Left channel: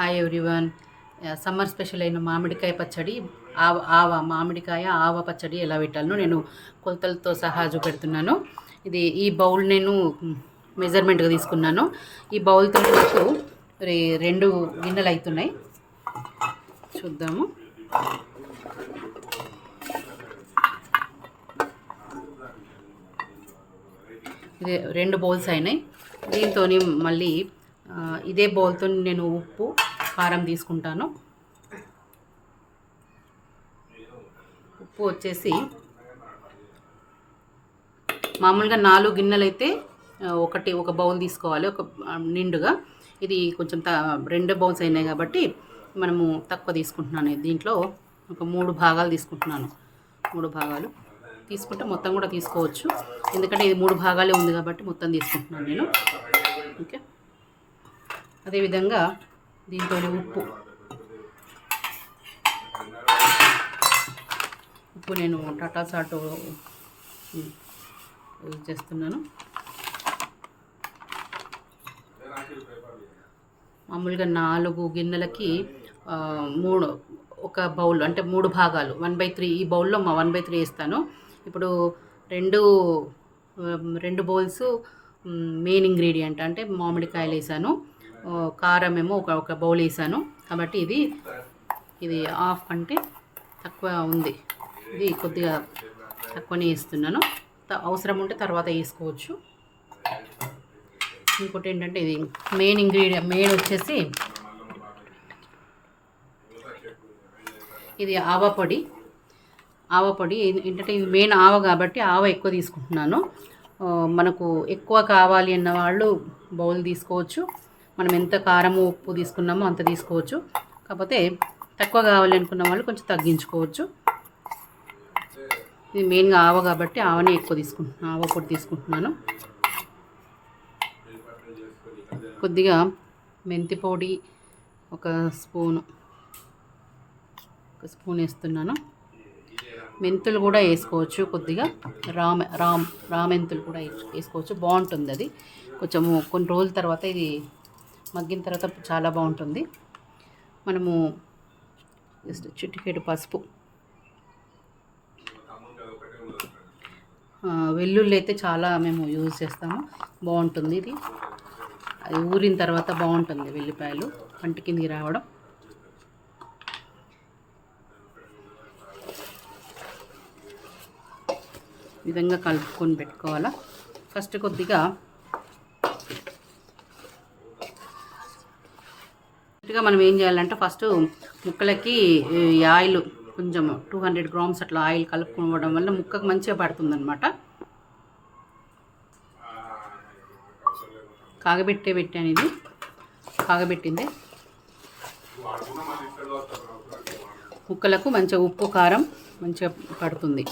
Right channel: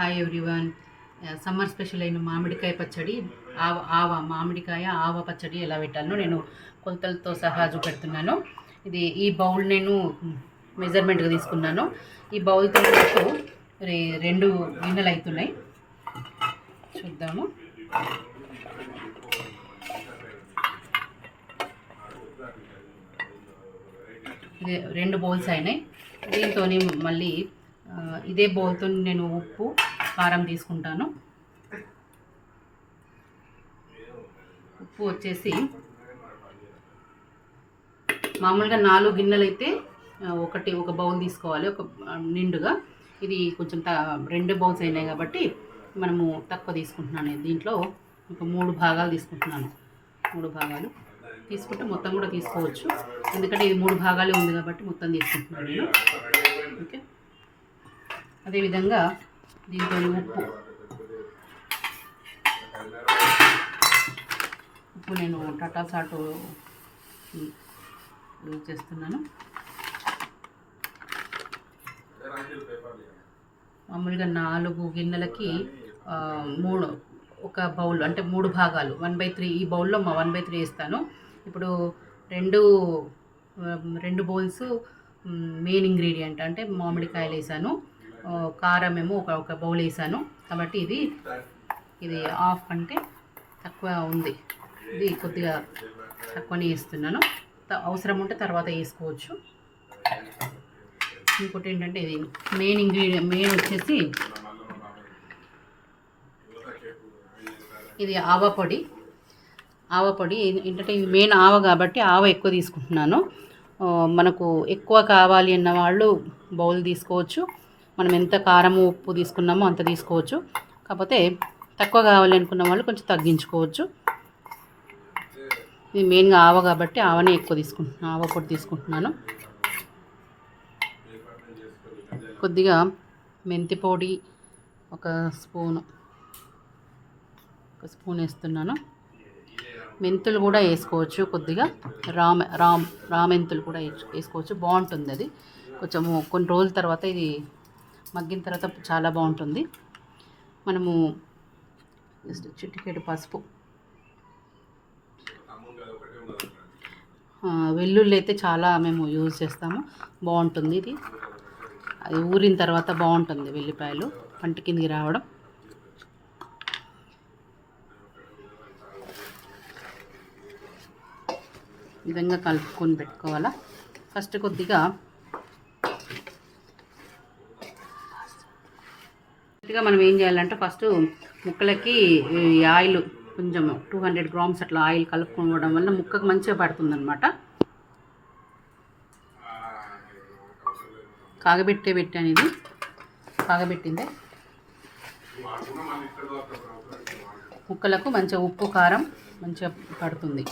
Hi everyone. Summer special అయిన మామిడికాయ పచ్చడి ఆవ ఆవ మామిడికాయ ఆవ పచ్చడి ఎలా పెట్టాలో నేను కొలతలతో సహా చూపెడుతున్నాను. ఇది ఈ బౌల్ నేను మెజర్మెంట్గా తీసుకున్నాను. ఈ బౌల్తో పాటు రెండు గిన్నెలు అవుతున్నాయి చూద్దాము. రెండు బౌల్స్ అయినాయి. దీంతో మళ్ళీ ఇదే బౌల్తో నేను ఉప్పు కారం తీసుకుంటాను. ఉప్పు వచ్చేసి మామూలుగా నాలుగు గిన్నెలు అయితే ఒకటి ఒక బౌల్ తీసుకోవాలి ఒక నిండుగా. ఇది కొంచెం త రెండు బౌల్స్ అయినాయి కాబట్టి మనము తక్కువ తీసుకుంటున్నాను. దీంట్లో ఒక మూడు భాగాలు తీసుకుంటున్నాను. మూడు భాగాలు తీసుకుంటే మొత్తం కూడా తీసుకోవచ్చు. ఎందుకంటే ఇది మూడు భాగాలే ఉంది కాబట్టి మొత్తం తీసుకుంటున్నాను నేను. ఓకే. అదేవిధంగా దీంట్లో ఉప్పు. ఉప్పు నేను టాటా సాటు యూజ్ చేస్తున్నాను. మామూలుగా నాలుగు గిన్నెలకి మూడు ఒక బౌల్ అంటే మూడు భాగాలు. వన్ బై త్రీ ఈ బౌల్లో మా వన్ బై త్రీ ఇస్తాను ఇప్పుడు రెండు రెండు బౌల్స్ మెయిన్ ఇంగ్రీడియంట్ అంటే మామిడికాయలు వేసాను. కారం ఏమో ఒక ఒక బౌల్ వేసాను. కాబట్టి ఇది ఇది హాఫ్ అంటే తక్కువ ఉంది. ఇది కొద్దిగా తక్కువనే వేస్తున్నాను. త- అవసరం ఉంటే తర్వాత వేసుకోవచ్చు. ఇంకోటి ఏంటంటే ఇది మెయిన్ ఇంగ్రీడియం మెయిన్ వచ్చేసి ఇది ఆవ పొడి. ఆవ పొడి ఏంటంటే ఇది మెయిన్ ఆవ కాబట్టి ఆవ ఎక్కువ తీసుకుంటున్నాను. మనకు ఎక్కువ కావాలి అన్న వాళ్ళు బౌల్ తీసుకోవచ్చు. మనం ఎంత కారము ఉప్పు తీసుకున్నామో అంత తీసుకోవచ్చు. కాకపోతే తక్కువ కావాలి అనుకున్న వాళ్ళు కొంచెం తగ్గించుకోవచ్చు. ఇది మెయిన్గా ఆవ కాబట్టి ఆవనే ఎక్కువ తీసుకుంటున్నాను ఆవ పొడి తీసుకుంటున్నాను. కొద్దిగా మెంతి పొడి ఒక స్పూను ఒక స్పూన్ వేస్తున్నాను. మెంతులు కూడా వేసుకోవచ్చు కొద్దిగా. రామ రామ్ రామెంతులు కూడా వేసు- వేసుకోవచ్చు. బాగుంటుంది అది. కొంచెము కొన్ని రోజుల తర్వాత ఇది మగ్గిన తర్వాత చాలా బాగుంటుంది. మనము జస్ట్ చిటికెడు పసుపు. వెల్లుల్లి అయితే చాలా మేము యూజ్ చేస్తాము. బాగుంటుంది ఇది. అది ఊరిన తర్వాత బాగుంటుంది వెల్లిపాయలు పంట కిందికి రావడం. విధంగా కలుపుకొని పెట్టుకోవాలా. ఫస్ట్ కొద్దిగా ఫస్ట్గా మనం ఏం చేయాలంటే ఫస్ట్ ముక్కలకి ఈ ఆయిల్ కొంచెం టూ హండ్రెడ్ గ్రామ్స్ అట్లా ఆయిల్ కలుపుకోవడం వల్ల ముక్కకు మంచిగా పడుతుంది అనమాట కాగబెట్టే పెట్టాను ఇది కాగబెట్టిందే. ముక్కలకు మంచిగా ఉప్పు కారం మంచిగా పడుతుంది.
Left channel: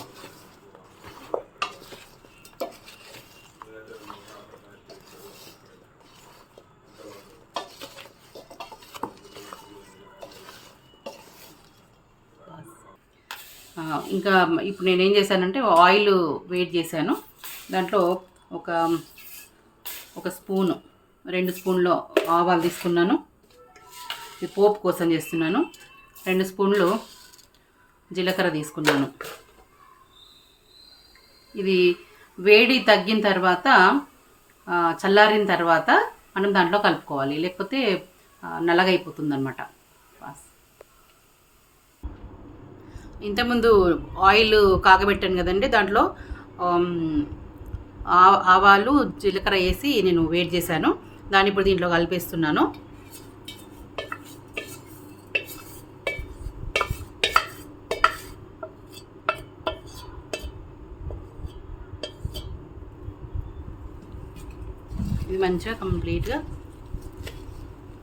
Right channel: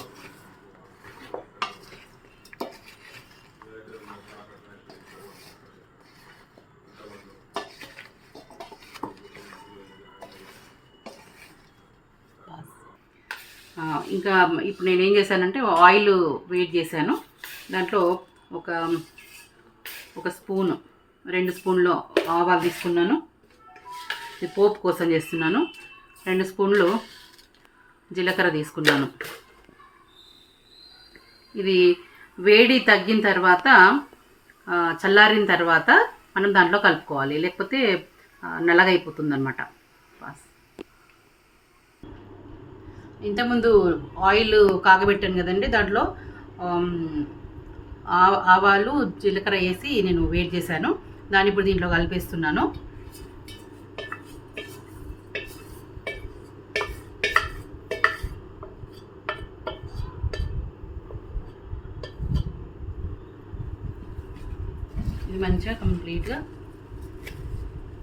ఇంకా ఇప్పుడు నేను ఏం చేశానంటే ఆయిల్ వేడి చేశాను. దాంట్లో ఒక ఒక స్పూను రెండు స్పూన్లు ఆవాలు తీసుకున్నాను. ఇది పోపు కోసం చేస్తున్నాను. రెండు స్పూన్లు జీలకర్ర తీసుకున్నాను. ఇది వేడి తగ్గిన తర్వాత చల్లారిన తర్వాత మనం దాంట్లో కలుపుకోవాలి. లేకపోతే ఆ, నల్లగైపోతుంది అనమాట ఇంతకుముందు ఆయిల్ కాగబెట్టాను కదండి దాంట్లో ఆవాలు జీలకర్ర వేసి నేను వేడి చేశాను. దాన్ని ఇప్పుడు దీంట్లో కలిపేస్తున్నాను. ఇది మంచిగా కంప్లీట్గా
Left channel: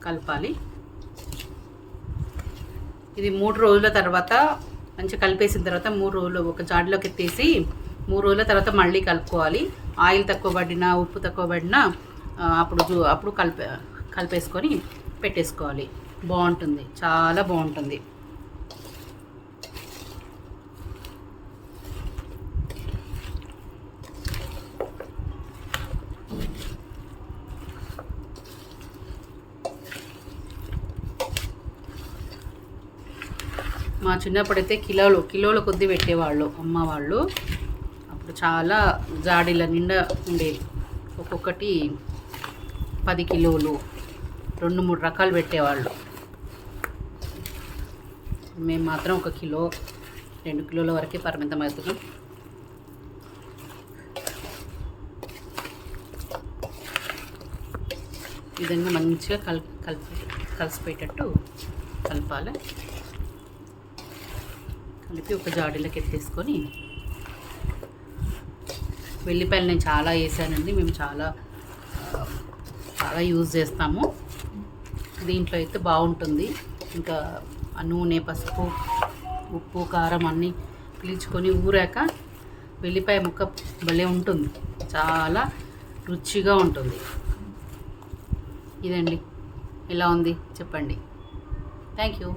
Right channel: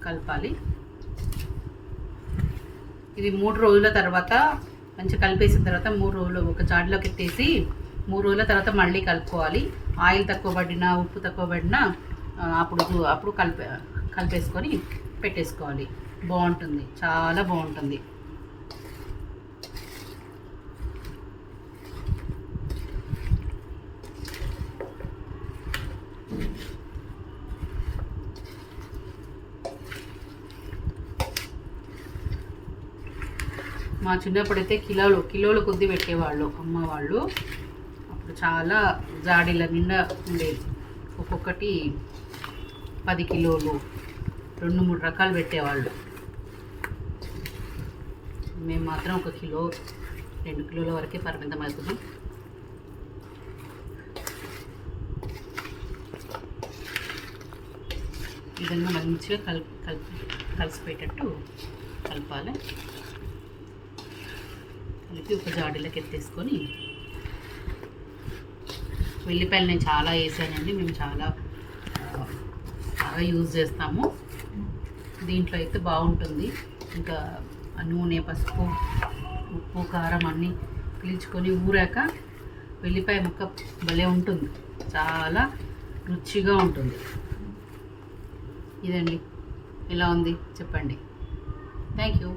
కలపాలి. ఇది మూడు రోజుల తర్వాత మంచిగా కలిపేసిన తర్వాత మూడు రోజులు ఒక జాడిలోకి ఎత్తేసి మూడు రోజుల తర్వాత మళ్ళీ కలుపుకోవాలి. ఆయిల్ తక్కువ పడినా ఉప్పు తక్కువ పడినా అప్పుడు చూ- అప్పుడు కలిపే కలిపేసుకొని పెట్టేసుకోవాలి. బాగుంటుంది. చాలా బాగుంటుంది. మా చిన్నప్పుడైతే కిలోలు కిలోల కొద్దీ పెట్టేవాళ్ళు అమ్మ వాళ్ళు. అప్పుడు చాలా జాడీల నిండా ఉండేది. ఒక్కొక్కటి పది కిలోలు రెండు మూడు రకాలు పెట్టేవాళ్ళు. మేము మాత్రం ఒక కిలో రెండు కిలోల వరకే పరిమితం అవుతున్నాం విధంగా మంచిగా కల్ కలిపి కలిసిపోయేటట్టు కలపాలి. కలిపి ఒక జాడీలోకి ఎత్తేసుకొని వెల్లిపాయలు నేను చాలా వేసానండి. మేము చాలా చాలా యూజ్ చేస్తాము. దీంట్లో అయితే బాగుంటుంది. ఇంకా నూనె పసుపు ఉప్పు కారం అన్నీ పీల్చుకొని ఊరాక వెల్లిపాయ ముక్క భలే ఉంటుంది. చాలా రుచిగా ఉంటుంది. ఇదండి. ఎలా ఉంది? చెప్పండి. Thank you